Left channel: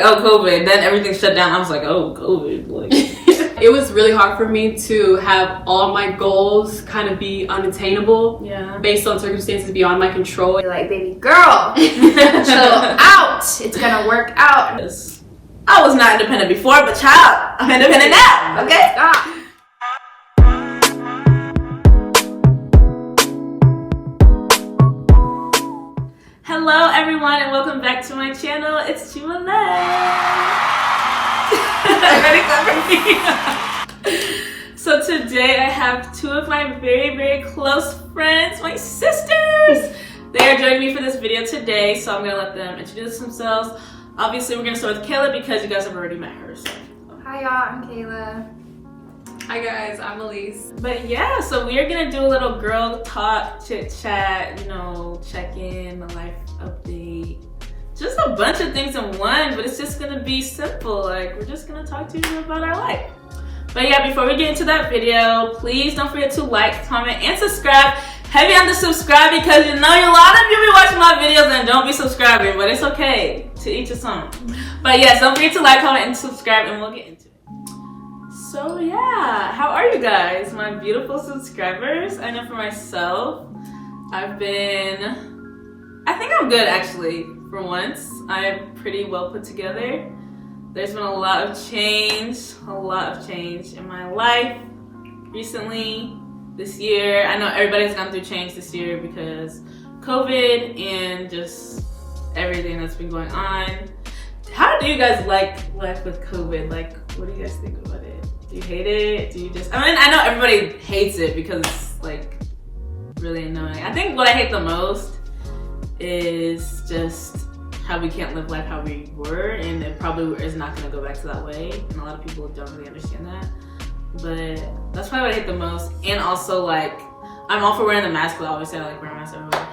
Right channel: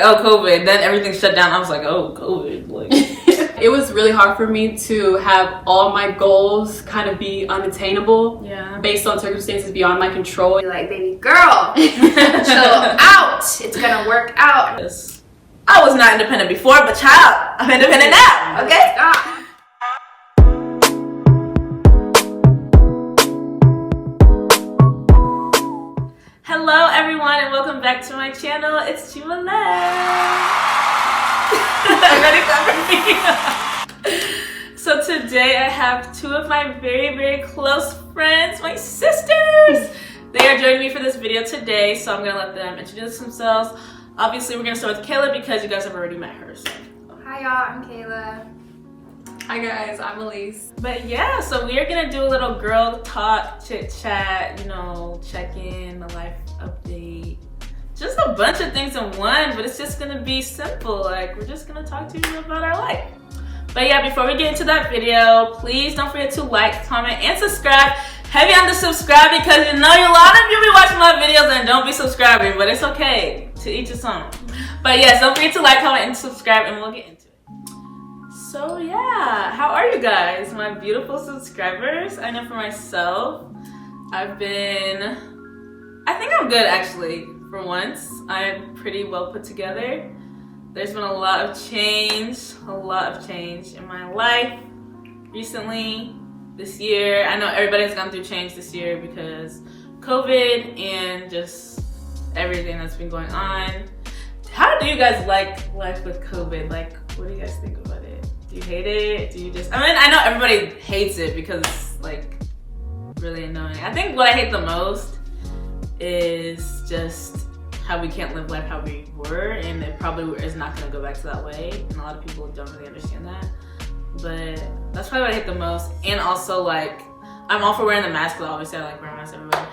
like, oh, COVID. Then everything shut down. I was like, oh, COVID. Like, it was really hard for me to have all my goals kind of be unattainable. Yeah. Based on circumstances beyond my control. You're like, baby girl, chill out. It's gonna work out. I was not independent before, but child, I'm independent now. Okay. Stop. Hello, everyone, and welcome back to my channel. It's Chimale. Ready for me? So today I have two of my very, very close friends, my sisters. They are joining me for this video today, so I'm gonna let them introduce themselves. Obviously, we're gonna start with Kayla because you guys have already met her. So. Hi y'all, I'm Kayla. Hi guys, I'm Elise. But yeah, so we are gonna do a little girl talk, chit chat, you know, check in, a life update. Just a bunch of things in one, but it's just gonna be simple. Like, we're just gonna talk to you about our life. But yeah, before we get into that video, please don't forget to like, comment, and subscribe. Heavy on the subscribe because you know a lot of you be watching my videos and don't be subscribing, but it's okay. To each his own. But yes, don't forget to like, comment, and subscribe, and we'll get into it. So yeah, how are you guys, my beautiful subscribers? I know for myself, I think I'm good actually. For once, I'm pretty well put together. There's been a lot of change in my life recently, this year. I know everybody's gone through change this year because COVID and just everything that's been going on. How do you guys like life with COVID? Like, what do you guys think about it? Do you hate it? Do you just, I mean, I know everybody hates it because it's like really annoying. I think what I hate the most is just how we can't live life how we were, and it probably is not gonna go back to that way. And a lot of people don't really understand that. But that's probably what I hate the most. And also, like, I'm all for wearing the mask, but obviously I like wearing masks everywhere.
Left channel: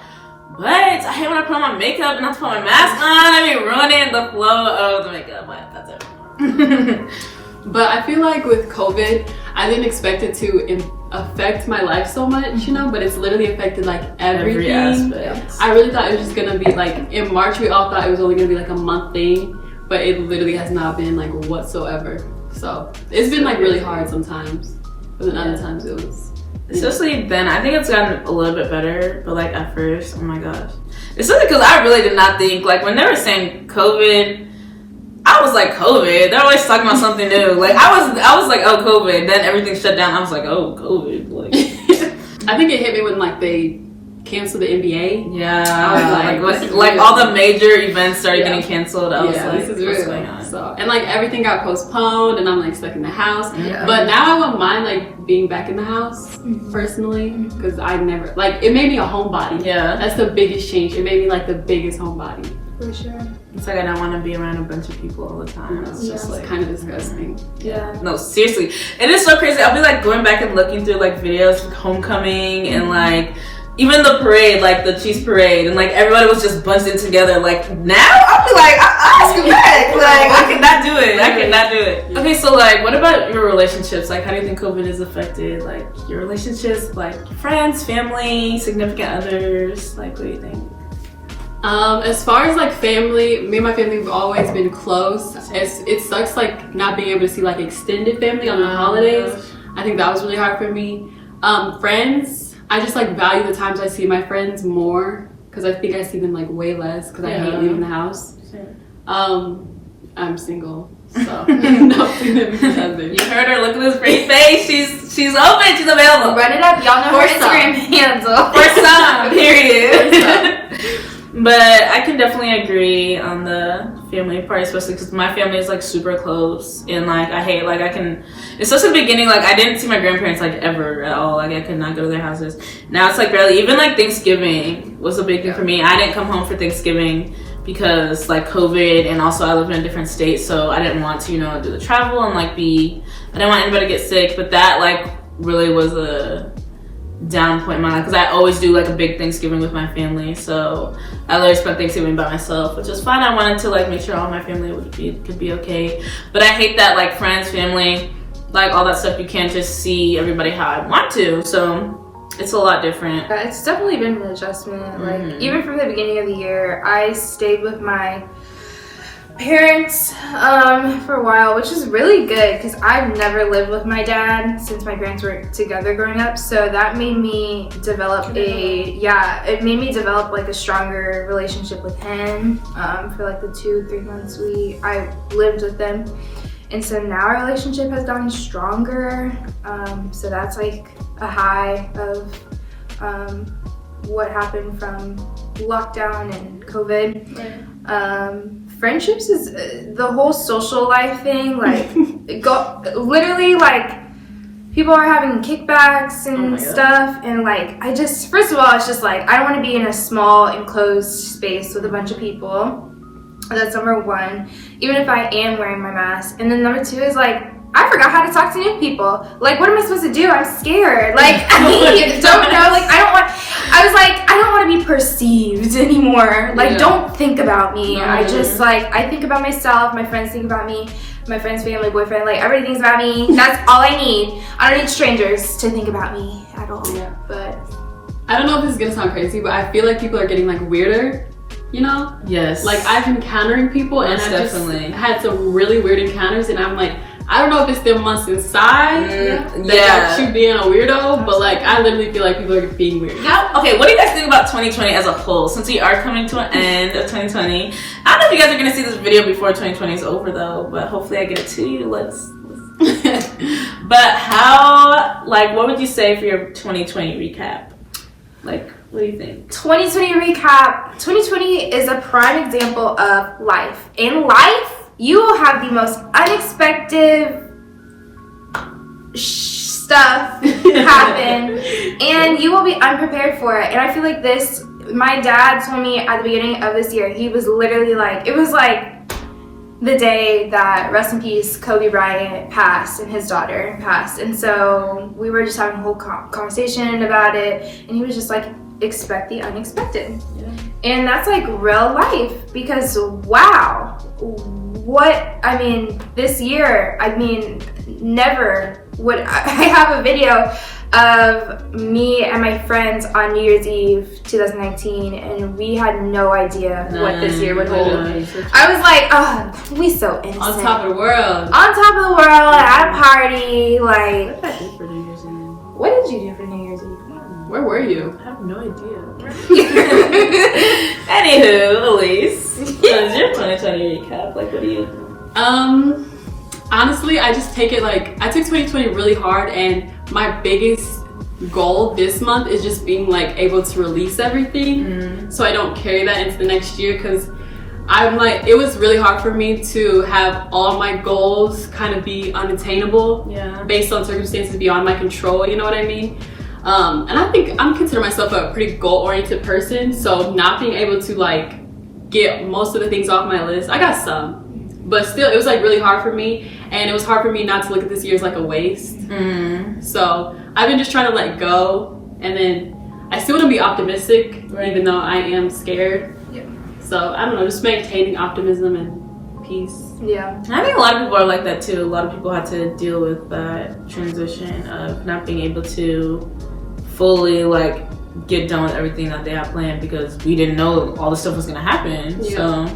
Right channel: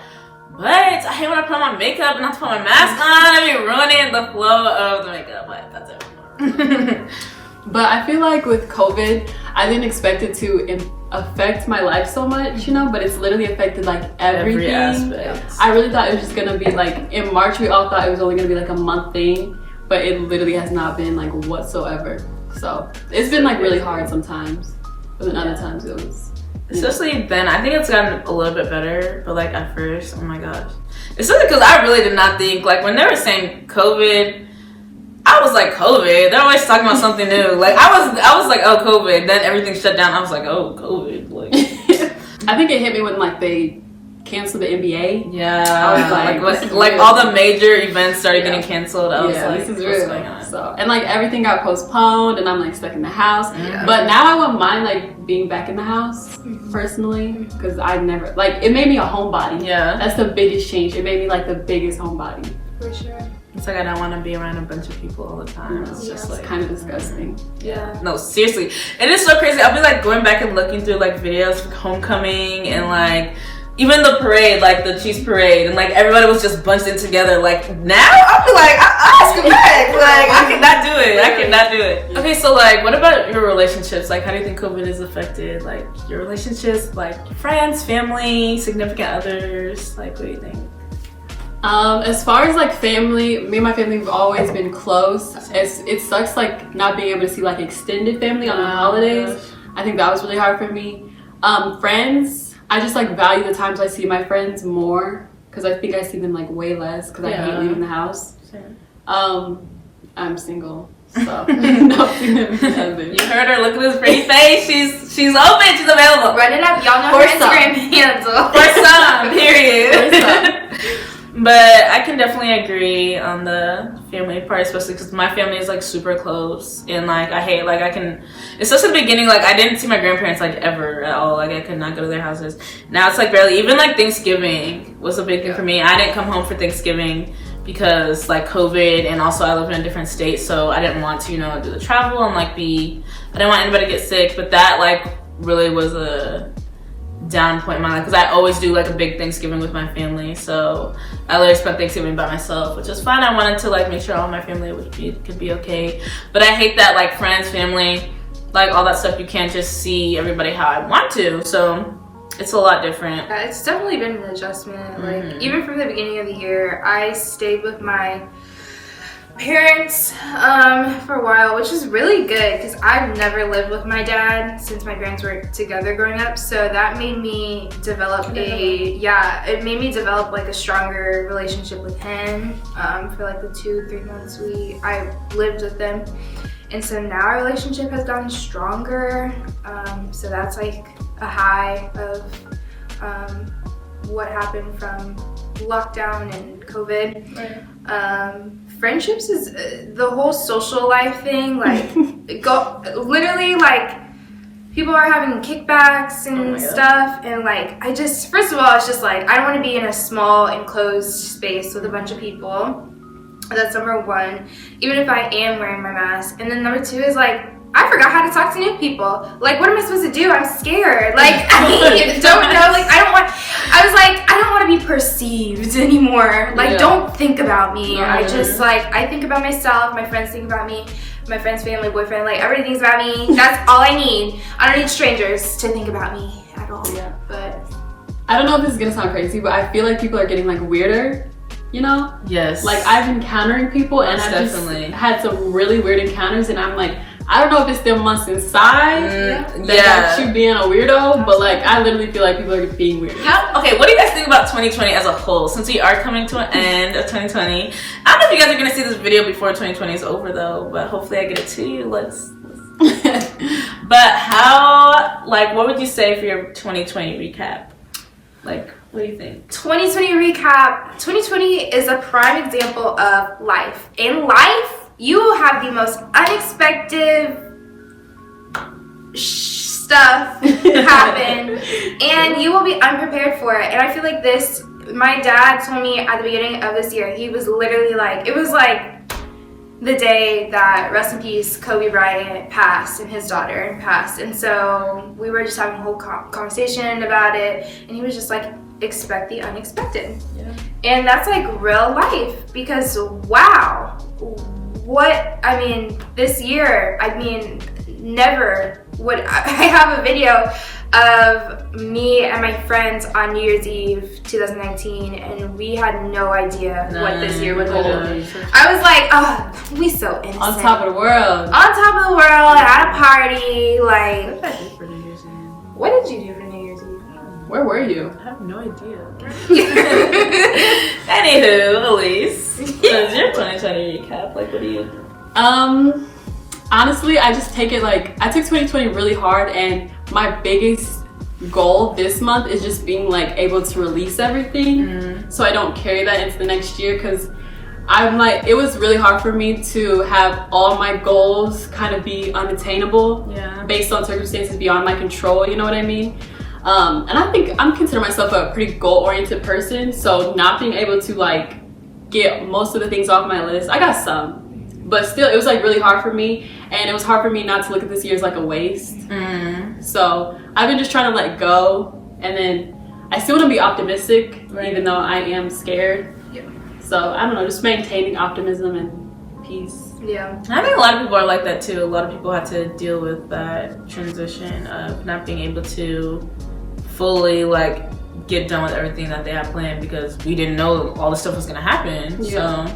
But I hate when I put on my makeup and I have to put my mask on. I mean, ruining the flow of the makeup. But that's it. But I feel like with COVID, I didn't expect it to affect my life so much, you know, but it's literally affected like everything. Every aspect. I really thought it was just gonna be like, in March we all thought it was only gonna be like a month thing, but it literally has not been like whatsoever. So it's been like really hard sometimes, but then other times it was. Especially then, I think it's gotten a little bit better, but like at first, oh my gosh. Especially because I really did not think, like when they were saying COVID, I was like, COVID? They're always talking about something new. Like I was like, oh, COVID. Then everything shut down. I was like, oh, COVID. Like, I think it hit me when like they canceled the NBA. Yeah, like all the major events started getting canceled. I was like, this is what's going on? So, and like everything got postponed, and I'm like stuck in the house. Yeah. But now I wouldn't mind like being back in the house personally, because I never like it made me a homebody. Yeah, that's the biggest change. It made me like the biggest homebody. For sure. It's like I don't want to be around a bunch of people all the time. It's just like kind of disgusting. Yeah. No, seriously, it is so crazy. I'll be like going back and looking through like videos of homecoming and like even the parade, like the Chiefs parade, and like everybody was just bunched in together. Like now, I'll be like, I ask you back. Like I cannot do it. I cannot do it. Okay, so like, what about your relationships? Like, how do you think COVID has affected like your relationships, like friends, family, significant others? Like, what do you think? As far as like family, me and my family have always been close. It sucks like not being able to see like extended family on the holidays. I think that was really hard for me. Friends, I just like value the times I see my friends more because I think I see them like way less because I hate leaving the house. I'm single, so nothing other. You heard her. Look at this pretty face. She's open. She's available. Run it up. Y'all know her Instagram handle. For some, period. But I can definitely agree on the family part, especially because my family is like super close, and like I hate like especially in the beginning, like I didn't see my grandparents like ever at all. Like I could not go to their houses. Now it's like barely. Even like Thanksgiving was a big thing for me. I didn't come home for Thanksgiving because like COVID, and also I live in a different state, so I didn't want to, you know, do the travel and like I didn't want anybody to get sick. But that like really was a down point in my life because I always do like a big Thanksgiving with my family, so I literally spent Thanksgiving by myself, which was fun. I wanted to like make sure all my family could be okay, but I hate that like friends, family, like all that stuff, you can't just see everybody how I want to, so it's a lot different. Yeah, it's definitely been an adjustment. Like even from the beginning of the year, I stayed with my parents for a while, which is really good because I've never lived with my dad since my parents were together growing up. So that made me develop it made me develop like a stronger relationship with him for like the 2-3 months I lived with them. And so now our relationship has gotten stronger. So that's like a high of what happened from lockdown and COVID. Right. Friendships is the whole social life thing. Like, literally, like, people are having kickbacks and stuff. And like, first of all, it's just like, I don't want to be in a small enclosed space with a bunch of people. That's number one, even if I am wearing my mask. And then number two is like, I forgot how to talk to new people. Like, what am I supposed to do? I'm scared. Like, I don't know. Like, I was like, I don't want to be perceived anymore. Like, don't think about me. I just, like, I think about myself. My friends think about me. My friend's family, boyfriend, like, everybody thinks about me. That's all I need. I don't need strangers to think about me at all. Yeah. But I don't know if this is gonna sound crazy, but I feel like people are getting, like, weirder. You know? Yes. Like, I've been encountering people and I've just had some really weird encounters, and I'm like, I don't know if it's the months inside that you being a weirdo, but like, I literally feel like people are being weird. Okay, what do you guys think about 2020 as a whole? Since we are coming to an end of 2020, I don't know if you guys are gonna see this video before 2020 is over though, but hopefully I get it to you. But how, like, what would you say for your 2020 recap? Like, what do you think? 2020 recap. 2020 is a prime example of life. In life, you will have the most unexpected stuff happen, and you will be unprepared for it. And I feel like this, my dad told me at the beginning of this year, he was literally like, it was like the day that, rest in peace, Kobe Bryant passed and his daughter passed. And so we were just having a whole conversation about it, and he was just like, expect the unexpected. Yeah. And that's like real life, because wow, this year, never would I have a video of me and my friends on New Year's Eve 2019, and we had no idea what this year would hold. I was like, oh, we so innocent. On top of the world. On top of the world, at a party, like. What did I do for New Year's Eve? What did you do for New Year's Eve? Where were you? I have no idea. Anywho, Elise, what is your 2020 recap? Like, what do you? Honestly, I just take it like, I took 2020 really hard, and my biggest goal this month is just being like able to release everything, so I don't carry that into the next year, because I'm like, it was really hard for me to have all my goals kind of be unattainable based on circumstances beyond my control, you know what I mean? And I think I'm consider myself a pretty goal-oriented person, so not being able to like get most of the things off my list, I got some, but still it was like really hard for me, and it was hard for me not to look at this year as like a waste. So I've been just trying to let go, and then I still want to be optimistic, even though I am scared. So I don't know, just maintaining optimism and peace. Yeah. I think a lot of people are like that too. A lot of people had to deal with that transition of not being able to fully like get done with everything that they had planned, because we didn't know all the stuff was gonna happen. So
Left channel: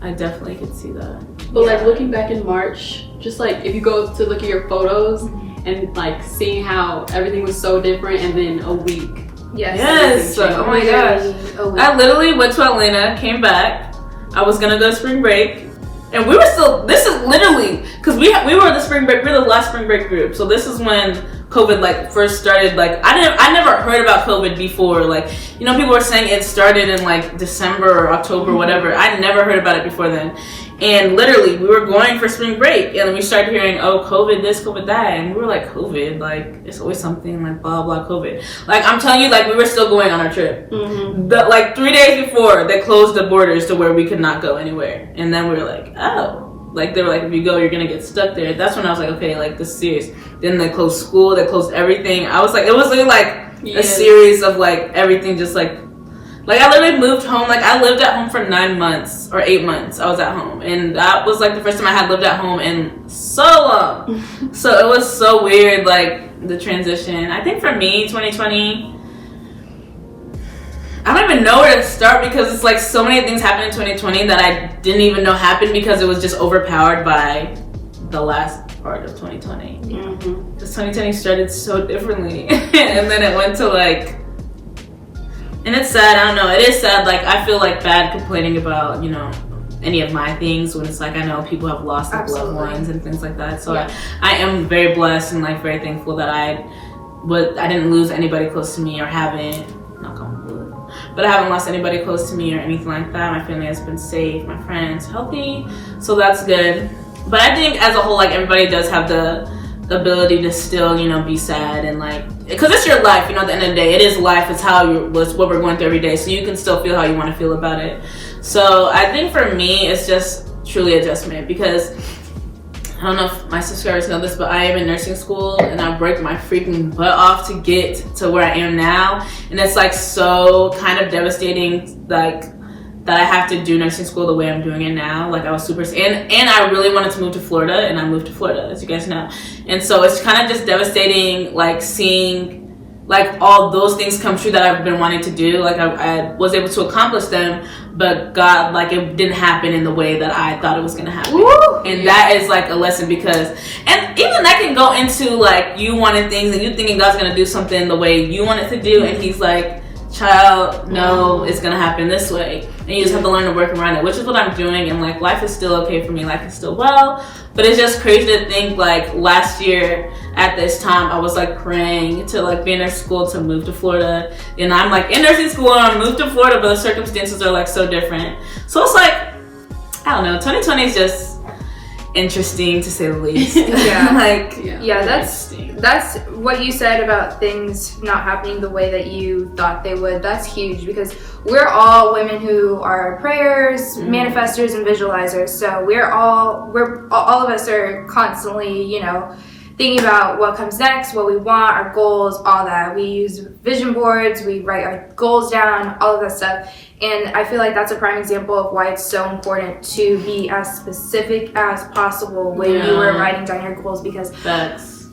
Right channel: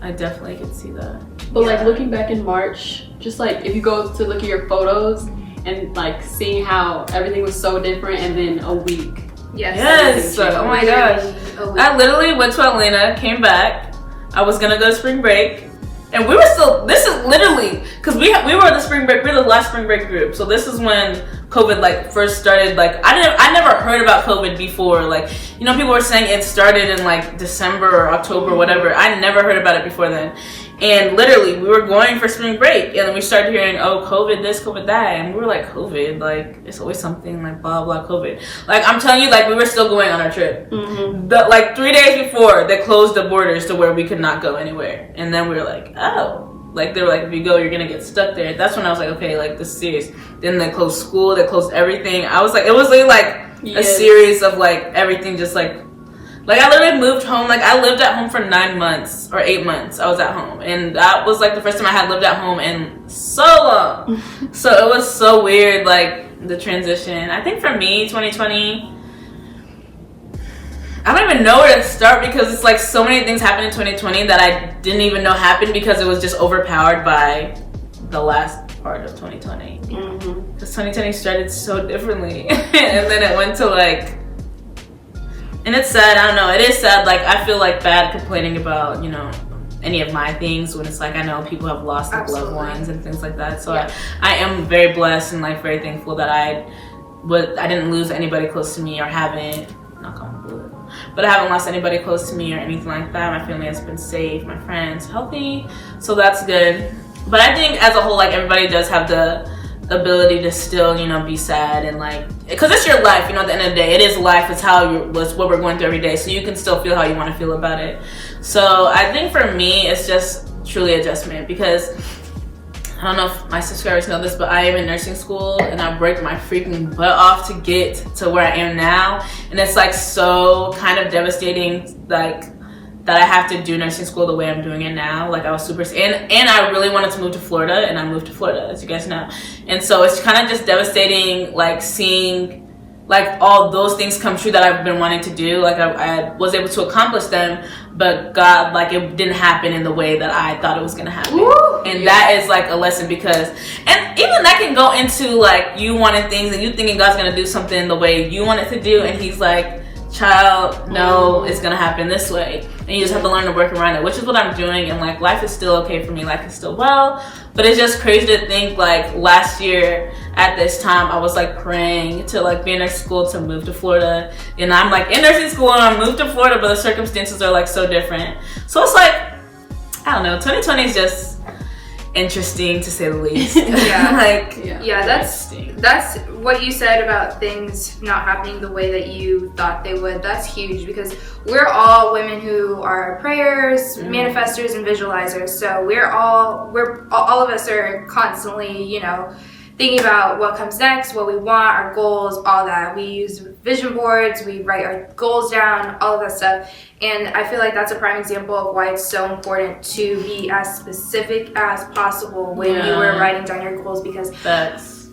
I definitely could see that. But like looking back in March, just like if you go to look at your photos and like seeing how everything was so different, and then a week. Yes. Oh my gosh. I literally went to Atlanta, came back. I was gonna go to spring break, and we were still. This is literally because we were the spring break. We were the last spring break group. So this is when COVID like first started. Like I never heard about COVID before. Like, you know, people were saying it started in like December or October, whatever. I never heard about it before then. And literally, we were going for spring break, and then we started hearing, oh, COVID this, COVID that, and we were like, COVID, like, it's always something, like, blah, blah, COVID. Like, I'm telling you, like, we were still going on our trip. But, like, 3 days before, they closed the borders to where we could not go anywhere. And then we were like, oh. Like, they were like, if you go, you're gonna get stuck there. That's when I was like, okay, like, this is serious. Then they closed school, they closed everything. I was like, it was really, like, a series of, like, everything just, like, I literally moved home. Like, I lived at home for 9 months or 8 months. I was at home, and that was like the first time I had lived at home in so long. So it was so weird, like the transition. I think for me, 2020, I don't even know where to start because it's like so many things happened in 2020 that I didn't even know happened because it was just overpowered by the last part of 2020. Because 2020 started so differently and then it went to like, and it's sad, I don't know, it is sad, like I feel like bad complaining about, you know, any of my things when it's like I know people have lost their loved ones and things like that. So I am very blessed and like very thankful that I didn't lose anybody close to me or haven't, knock on wood, but I haven't lost anybody close to me or anything like that. My family has been safe, my friends healthy, so that's good. But I think as a whole, like everybody does have the ability to still, you know, be sad and like, because it's your life, you know, at the end of the day, it is life, it's it's what we're going through every day, so you can still feel how you want to feel about it. So I think for me, it's just truly adjustment because I don't know if my subscribers know this, but I am in nursing school and I worked my freaking butt off to get to where I am now. And it's like so kind of devastating, like that I have to do nursing school the way I'm doing it now. Like I was super, and I really wanted to move to Florida and I moved to Florida, as you guys know. And so it's kind of just devastating, like seeing like all those things come true that I've been wanting to do. Like I was able to accomplish them, but God, like it didn't happen in the way that I thought it was gonna happen. Woo! And that is like a lesson because, and even that can go into like you wanting things and you thinking God's gonna do something the way you want it to do, and He's like, child, no, it's gonna happen this way, and you just have to learn to work around it, which is what I'm doing. And like life is still okay for me, life is still well, but it's just crazy to think like last year at this time I was like praying to like be in nursing school to move to Florida, and I'm like in nursing school and I moved to Florida, but the circumstances are like so different. So it's like, I don't know, 2020 is just interesting to say the least. That's what you said about things not happening the way that you thought they would. That's huge because we're all women who are prayers, manifestors, and visualizers. So all of us are constantly, you know, thinking about what comes next, what we want, our goals, all that. We use vision boards, we write our goals down, all of that stuff. And I feel like that's a prime example of why it's so important to be as specific as possible when you are writing down your goals, because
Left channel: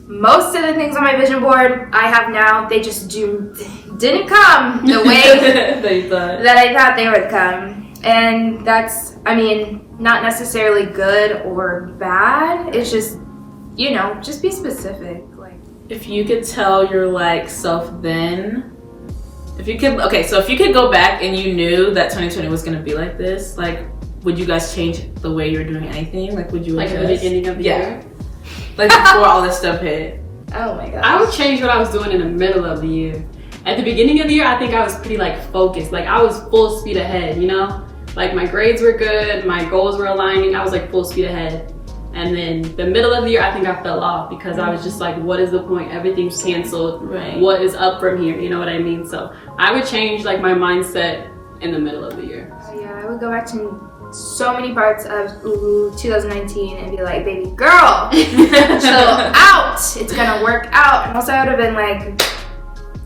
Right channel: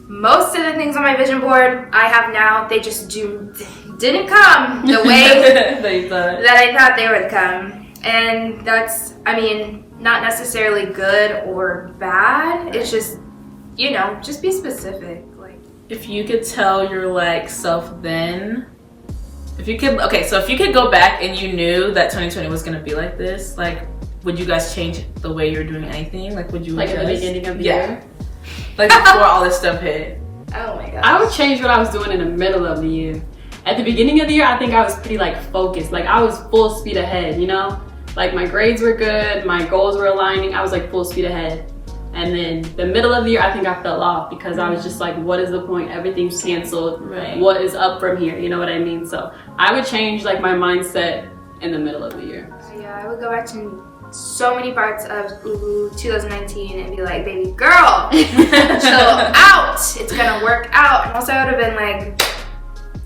most of the things on my vision board I have now, they just didn't come the way that I thought they would come. And that's, I mean, not necessarily good or bad. It's just, you know, just be specific. Like, if you could tell your like self then, if you could go back and you knew that 2020 was gonna be like this, like would you guys change the way you're doing anything? Like would you like at the beginning of the year? Like before all this stuff hit? Oh my god. I would change what I was doing in the middle of the year. At the beginning of the year, I think I was pretty like focused. Like I was full speed ahead, you know? Like my grades were good, my goals were aligning, I was like full speed ahead. And then the middle of the year, I think I fell off because I was just like, what is the point? Everything's canceled. Right. What is up from here? You know what I mean? So I would change like my mindset in the middle of the year. Yeah, I would go back to so many parts of 2019 and be like, baby girl, chill out. It's gonna work out. And also I would have been like,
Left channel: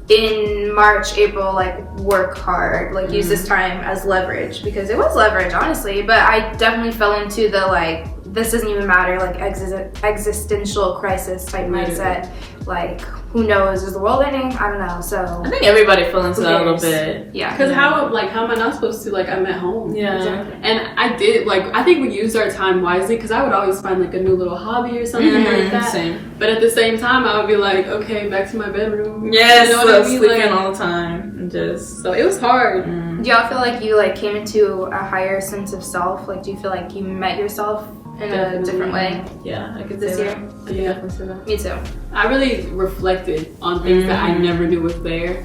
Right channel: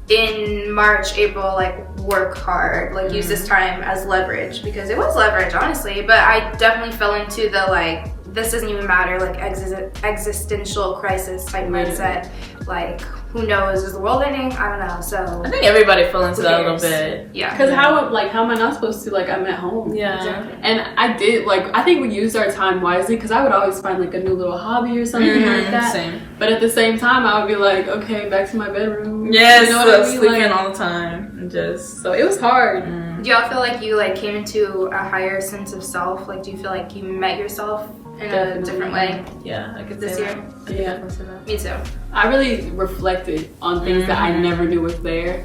in March, April, like work hard, like use this time as leverage, because it was leverage, honestly. But I definitely fell into the like, this doesn't even matter, like existential crisis type mindset. Like, who knows, is the world ending? I don't know. So I think everybody fell into that a little bit. Yeah. Because how am I not supposed to, like, I'm at home. Yeah. Exactly. And I did, like, I think we used our time wisely because I would always find like a new little hobby or something like that. Same. But at the same time, I would be like, okay, back to my bedroom. Yes, you know what I mean? sleeping like, all the time. And just so it was hard. Do y'all feel like you like came into a higher sense of self? Like, do you feel like you met yourself in a different way? Yeah, I could this say year? that. I could definitely say that. Me too. I really reflected on things that I never knew was there.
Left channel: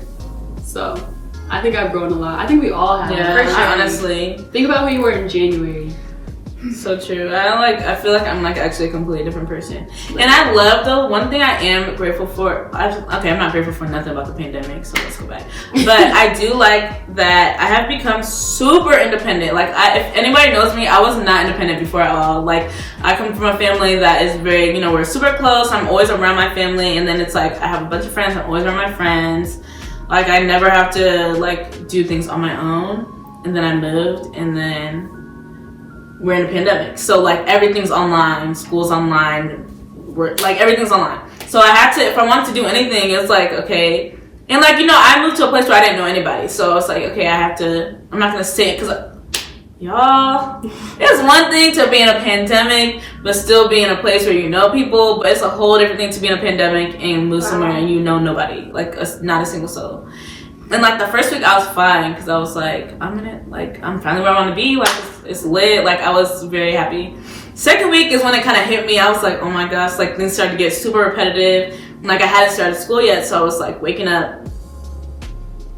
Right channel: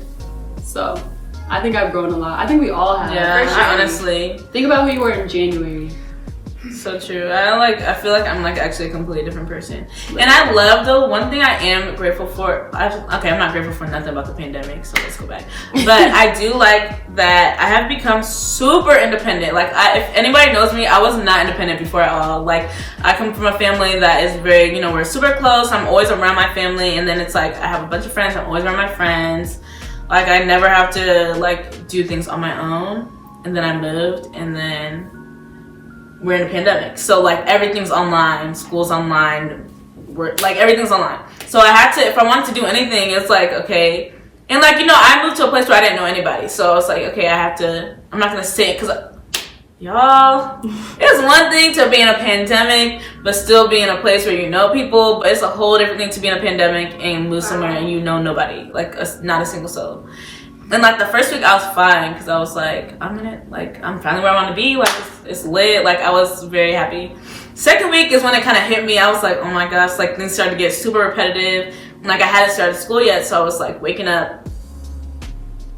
So I think I've grown a lot. I think we all have. Yeah, I honestly think about who you were in January. So true. I feel like I'm like actually a completely different person. And I love though, one thing I am grateful for, I'm not grateful for nothing about the pandemic, so let's go back. But I do like that I have become super independent. Like if anybody knows me, I was not independent before at all. Like I come from a family that is very, you know, we're super close. I'm always around my family, and then it's like I have a bunch of friends, I'm always around my friends. Like I never have to like do things on my own. And then I moved, and then we're in a pandemic, so like everything's online, school's online, everything's online. So I had to, if I wanted to do anything, it's like, okay, And like, you know, I moved to a place where I didn't know anybody. So it's like, okay, I'm not gonna say it because y'all, it's one thing to be in a pandemic, but still be in a place where you know people, but it's a whole different thing to be in a pandemic and move somewhere and you know nobody, like not a single soul. And like the first week I was fine because I was like, I'm finally where I want to be, like it's lit, like I was very happy. Second week is when it kind of hit me. I was like, oh my gosh, like things started to get super repetitive. Like I hadn't started school yet, so I was like waking up,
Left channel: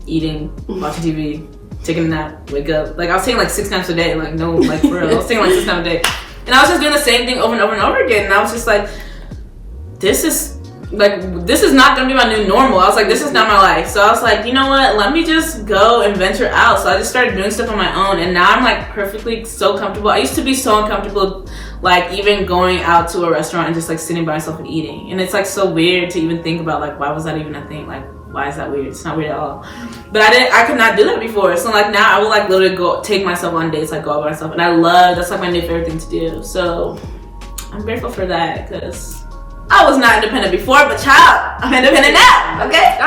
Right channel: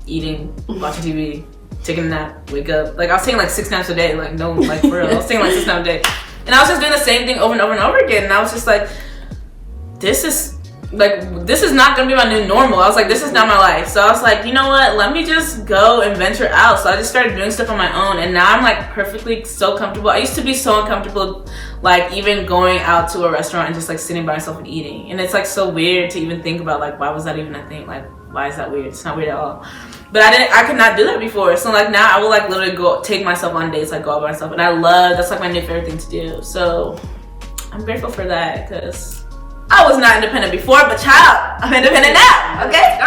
eating, watching TV, taking a nap, wake up. Like I was taking like 6 naps a day, like no, like for real. I was taking like 6 naps a day. And I was just doing the same thing over and over and over again. And I was just like, this is not gonna be my new normal. I was like, this is not my life. So I was like, you know what? Let me just go and venture out. So I just started doing stuff on my own. And now I'm like perfectly so comfortable. I used to be so uncomfortable, like even going out to a restaurant and just like sitting by myself and eating. And it's like so weird to even think about, like, why was that even a thing? Like, why is that weird? It's not weird at all. But I could not do that before. So like now I would like literally go take myself on dates, like go out by myself. And that's like my new favorite thing to do. So I'm grateful for that because I was not independent before, but child, I'm independent now, okay?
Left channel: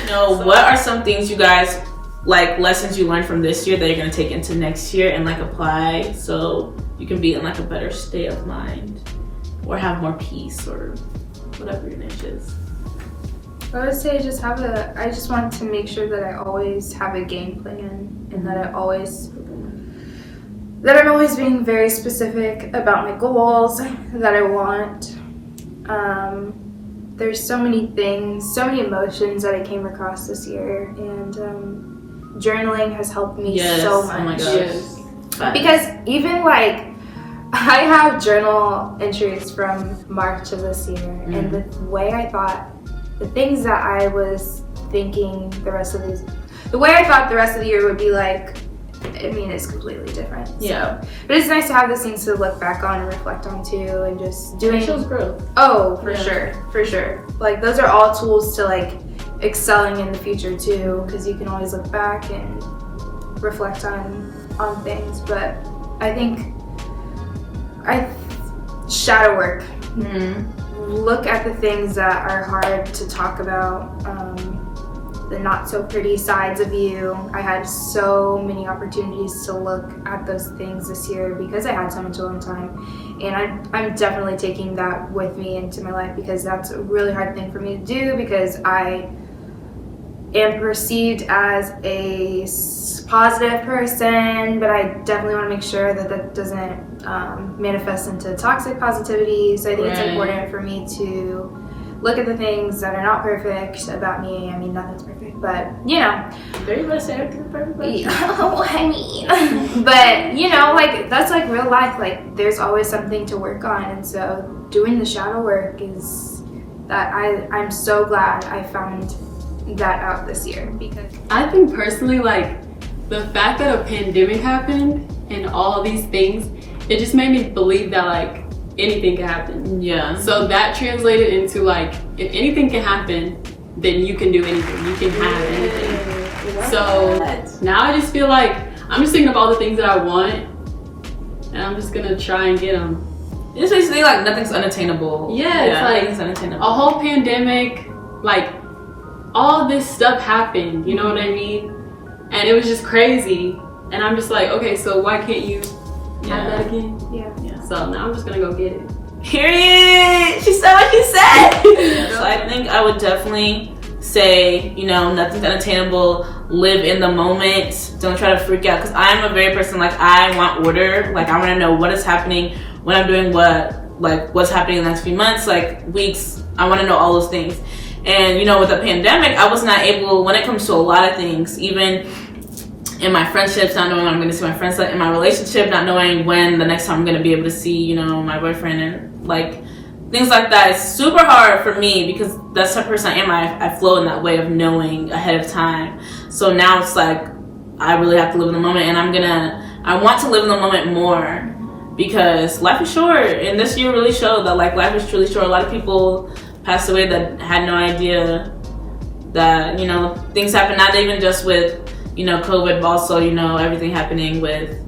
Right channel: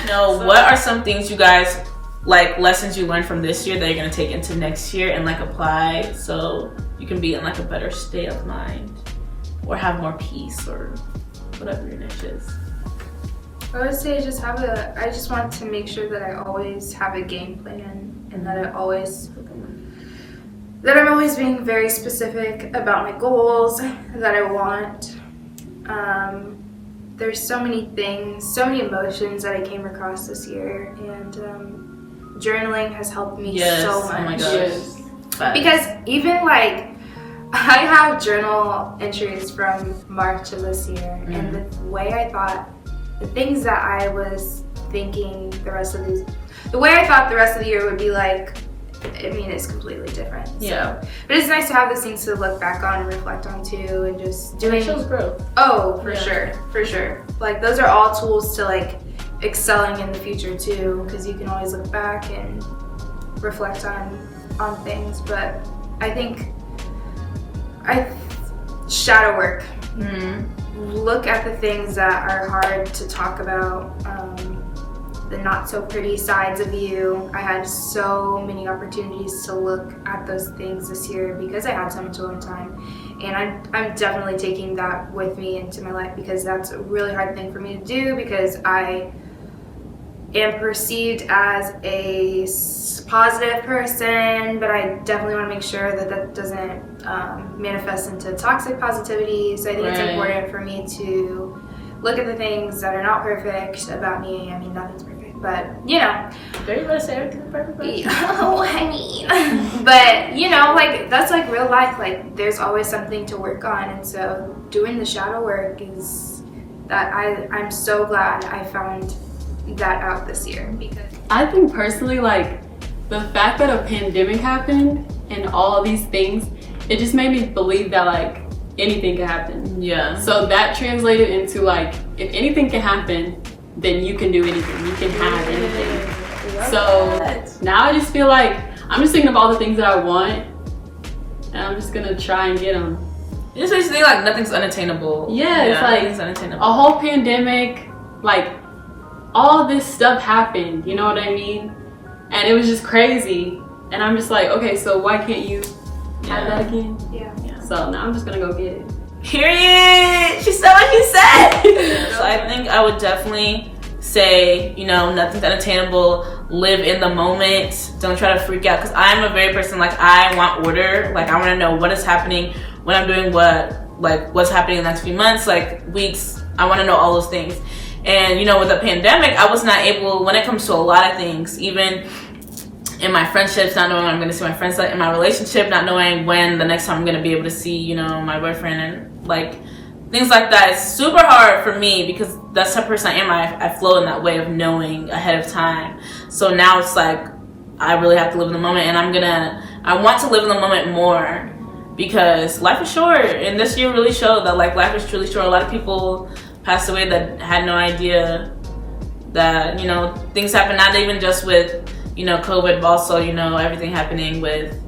You know, what are some things you guys, like lessons you learned from this year that you're gonna take into next year and like apply so you can be in like a better state of mind or have more peace or whatever your niche is? I would say I just want to make sure that I always have a game plan and that I'm always being very specific about my goals that I want. There's so many things, so many emotions that I came across this year, and journaling has helped me so much. Oh my gosh. Because even like I have journal entries from March of this year, and the way I thought, the things that I was thinking the way I thought the rest of the year would be like, I mean, it's completely different. Yeah. So. But it's nice to have those things to look back on and reflect on too, and just doing. It shows growth. Oh, for sure. Like those are all tools to like excelling in the future too, because you can always look back and reflect on things. But I think shadow work. Look at the things that are hard to talk about. The not so pretty sides of you. I had so many opportunities to look at those things this year because I had so much alone time, and I'm definitely taking that with me into my life because that's a really hard thing for me to do because I am perceived as a positive person, but I definitely want to make sure that doesn't manifest into toxic positivity. So I think it's important for me to look at the things that are not perfect about me. I mean, nothing's perfect, but you know. Are you gonna say everything's perfect? Oh, I mean. But you know, like that's like real life. Like there's always something to work on, and so doing the shadow work is that I'm so glad I found that out this year because I think personally, like the fact that a pandemic happened and all of these things, it just made me believe that like anything can happen. Yeah. So that translated into like, if anything can happen, then you can do anything. You can have anything. So now I just feel like I'm just thinking of all the things that I want, and I'm just gonna try and get them. You just basically think like nothing's unattainable. Yeah, it's like nothing's unattainable. A whole pandemic, like all this stuff happened. You know what I mean? And it was just crazy. And I'm just like, okay, so why can't you have that again? Yeah. So now I'm just gonna go get it. Period. She said what she said. So I think I would definitely say, you know, nothing's unattainable. Live in the moment. Don't try to freak out. Because I'm a very person, like, I want order. Like, I want to know what is happening, when I'm doing what, like, what's happening in the next few months, like, weeks. I want to know all those things. And, you know, with the pandemic, I was not able, when it comes to a lot of things, even in my friendships, not knowing when I'm going to see my friends, like in my relationship, not knowing when the next time I'm going to be able to see, you know, my boyfriend, and like things like that. It's super hard for me because that's the type of person I am. I flow in that way of knowing ahead of time. So now it's like I really have to live in the moment, and I want to live in the moment more because life is short, and this year really showed that like life is truly short. A lot of people passed away that had no idea that, you know, things happen, not even just with, you know, COVID, but also, you know, everything happening with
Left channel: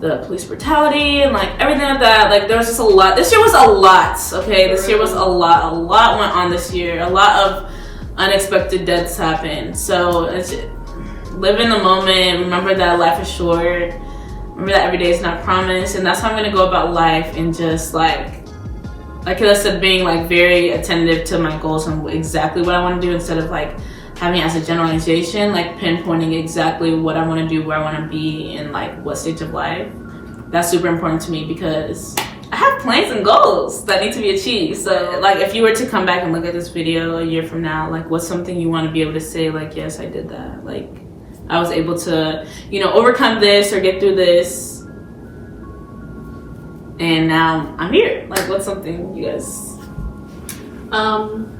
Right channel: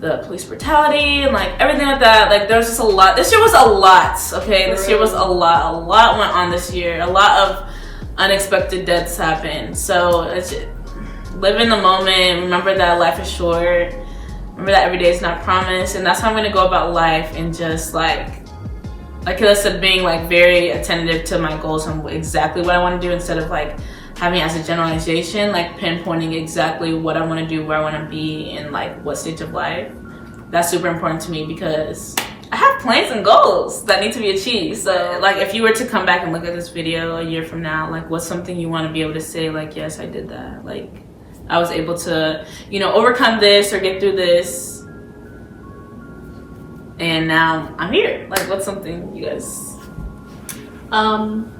the police brutality and like everything like that. Like there's just a lot. This year was a lot, okay? This year was a lot. A lot went on this year. A lot of unexpected deaths happen. So it's just, live in the moment. Remember that life is short. Remember that every day is not promised. And that's how I'm gonna go about life, and just like I said, being like very attentive to my goals and exactly what I want to do, instead of like having it as a generalization, like pinpointing exactly what I want to do, where I want to be, and like what stage of life. That's super important to me, because I have plans and goals that need to be achieved. So like, if you were to come back and look at this video a year from now, like what's something you want to be able to say, like, yes, I did that. Like, I was able to, you know, overcome this or get through this, and now I'm here. Like, what's something you guys?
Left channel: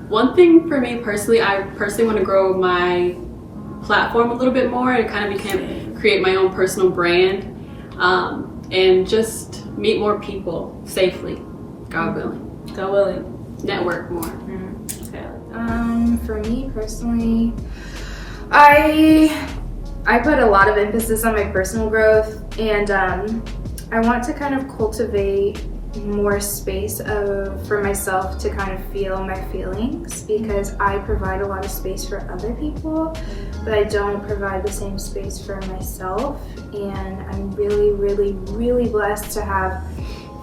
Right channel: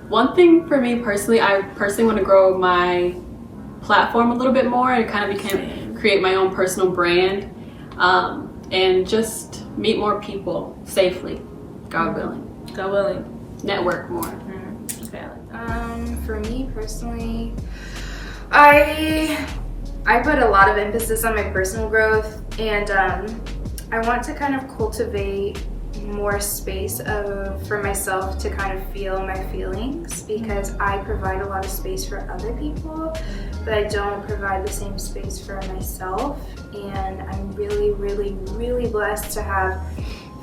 One thing for me personally, I personally want to grow my platform a little bit more and kind of create my own personal brand, and just meet more people safely, God willing. God willing. Network more. Okay. For me personally, I put a lot of emphasis on my personal growth, and I want to kind of cultivate more space for myself to kind of feel my feelings, because I provide a lot of space for other people, but I don't provide the same space for myself. And I'm really, really, really blessed to have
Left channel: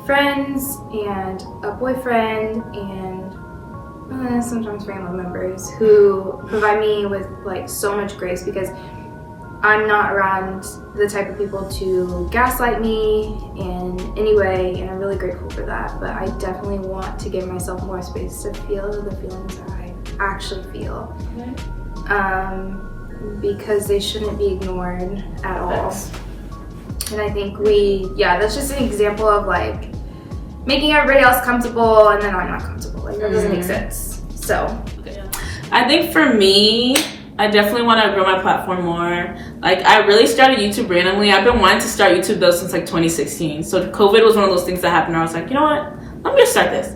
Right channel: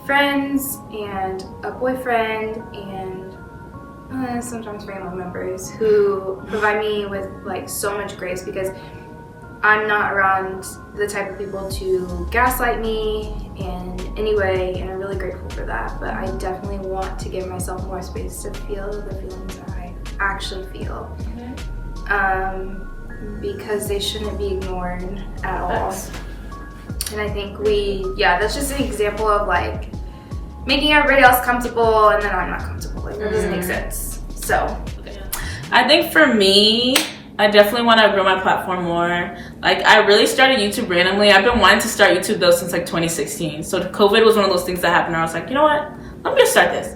friends and a boyfriend and sometimes family members who provide me with like so much grace, because I'm not around the type of people to gaslight me in any way, and I'm really grateful for that. But I definitely want to give myself more space to feel the feelings that I actually feel, because they shouldn't be ignored at all. And I think that's just an example of like making everybody else comfortable, and then I'm not comfortable. Like, that doesn't make sense. So I think for me, I definitely want to grow my platform more. Like, I really started YouTube randomly. I've been wanting to start YouTube though since like 2016. So COVID was one of those things that happened where I was like, you know what? Let me just start this.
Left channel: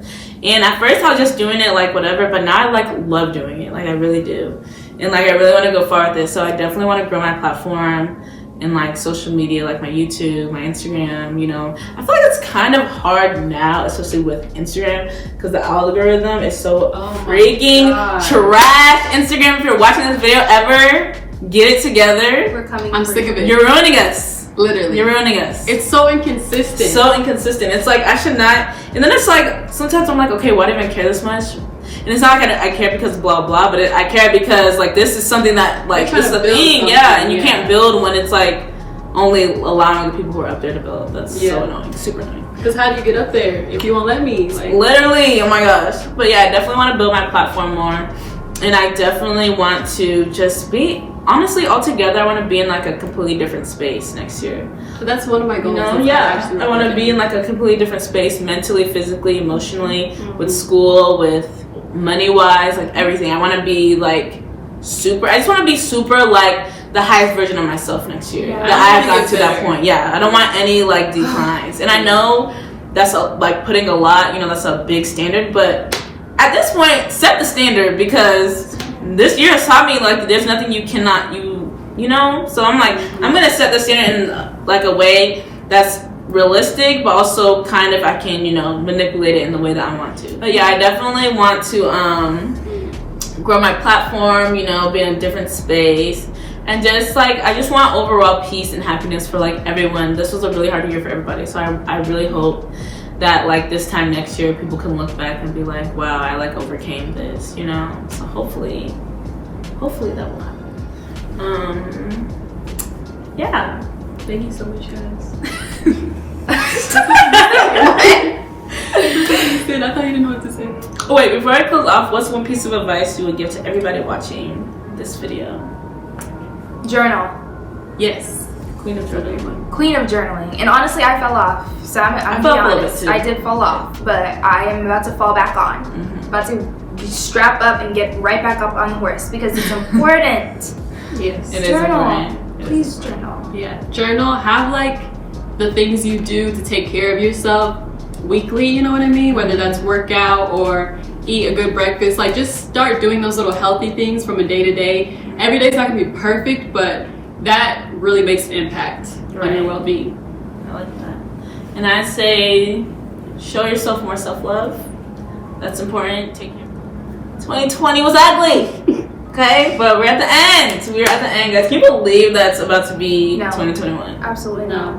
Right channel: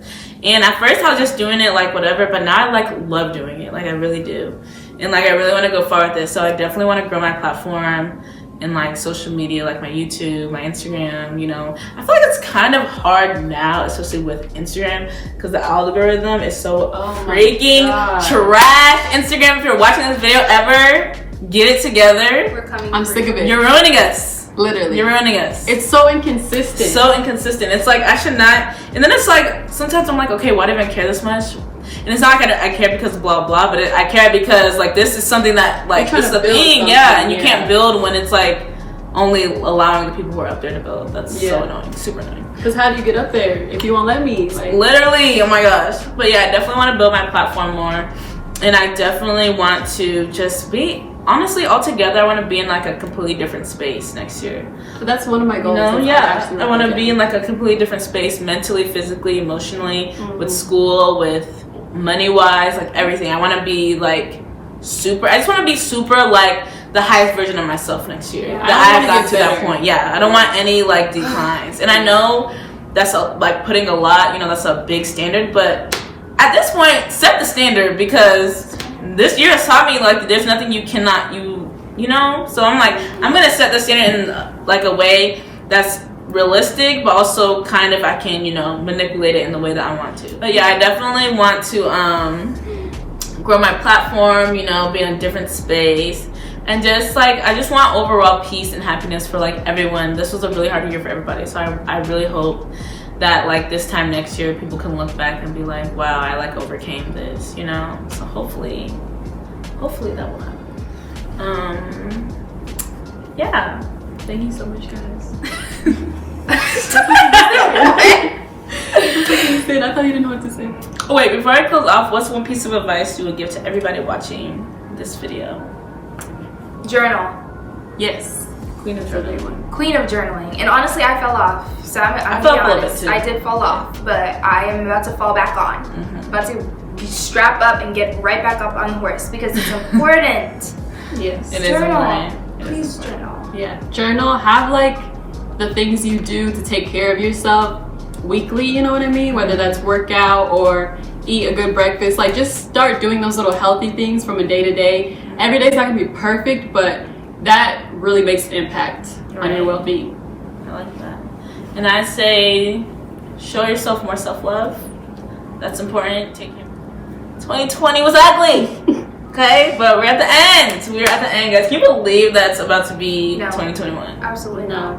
And at first I was just doing it like whatever, but now I like love doing it. Like, I really do. And like, I really want to go far with this. So I definitely want to grow my platform in like social media, like my YouTube, my Instagram, you know. I feel like it's kind of hard now, especially with Instagram, because the algorithm is so freaking trash. Instagram, if you're watching this video ever, get it together. we're coming. I'm sick of it. You're ruining us. Literally. You're ruining us. It's so inconsistent. So inconsistent. It's like, I should not. And then it's like, sometimes I'm like, okay, why do I even care this much? And it's not like I care because blah blah, but I care because like this is something that like this is a thing, and you can't build when it's like only allowing the people who are up there to build. That's so annoying, super annoying. Because how do you get up there if you won't let me? Like, literally, oh my gosh. But yeah, I definitely want to build my platform more, and I definitely want to just be, honestly, altogether, I want to be in like a completely different space next year. So that's one of my goals. You know, I want to be in like a completely different space, mentally, physically, emotionally, with school, with money-wise, like everything. I want to be like super. I just want to be super like the highest version of myself next year. That I have gotten to that point. Yeah, I don't want any like declines. And I know that's like putting a lot. You know, that's a big standard. But at this point, set the standard, because this year has taught me like there's nothing you cannot you know. So I'm like, I'm gonna set the standard in like a way that's realistic, but also kind of I can, you know, manipulate it in the way that I want to. But yeah, I definitely want to grow my platform, you know, be in a different space, and just like I just want overall peace and happiness for like everyone. This was a really hard year for everybody, so I really hope that like this time next year people can look back and be like, wow, I like overcame this, you know. So hopefully that will happen. Yeah, thank you so much, guys. I thought you didn't know what to say. Oh, wait, before I close off, what's one piece of advice you would give to everybody watching this video? Journal. Yes. Queen of journaling. Queen of journaling. And honestly, I fell off. So I'm being honest. I did fall off, but I am about to fall back on. About to strap up and get right back up on the horse, because it's important. Yes. It is Journal. important. Please journal. Yeah. Journal. Have like the things you do to take care of yourself weekly, you know what I mean? Whether that's workout or eat a good breakfast. Like, just start doing those little healthy things from a day to day. Every day's not gonna be perfect, but that really makes an impact on your well-being. I like that. And I say, show yourself more self-love. That's important. Take care. 2020 was ugly. Okay, but we're at the end. We're at the end, guys. Can you believe that's about to be No. 2021? Absolutely not.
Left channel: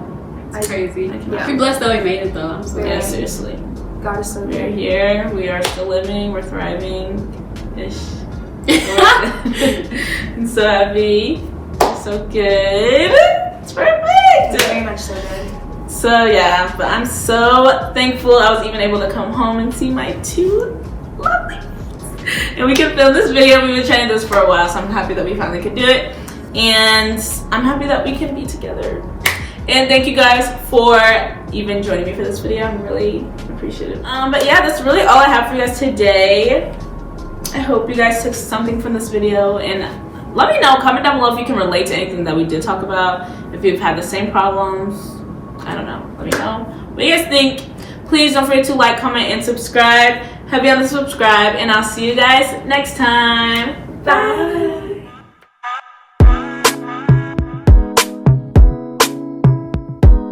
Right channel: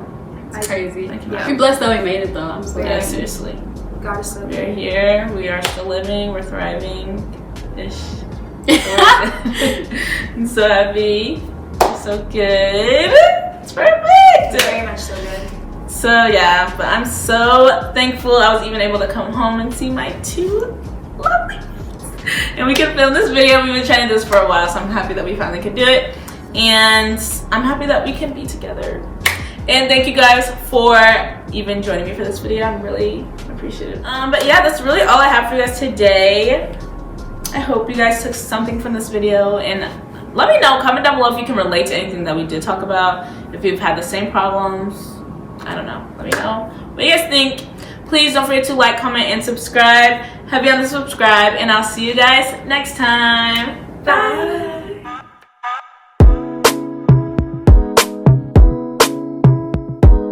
No, it's crazy. cannot. We're blessed that we made it though. I'm so Yeah, glad. seriously. God is so We're good. here. We are still living. We're thriving. Ish. I'm so happy. So good. It's perfect. Very much so good. So yeah, but I'm so thankful I was even able to come home and see my two lovely. And we can film this video. We've been trying to do this for a while, so I'm happy that we finally could do it. And I'm happy that we can be together. And thank you guys for even joining me for this video. I'm really appreciative. But yeah, that's really all I have for you guys today. I hope you guys took something from this video, and let me know, comment down below if you can relate to anything that we did talk about, if you've had the same problems. I don't know, let me know what you guys think. Please don't forget to like, comment, and subscribe. Heavy on the subscribe, and I'll see you guys next time. Bye.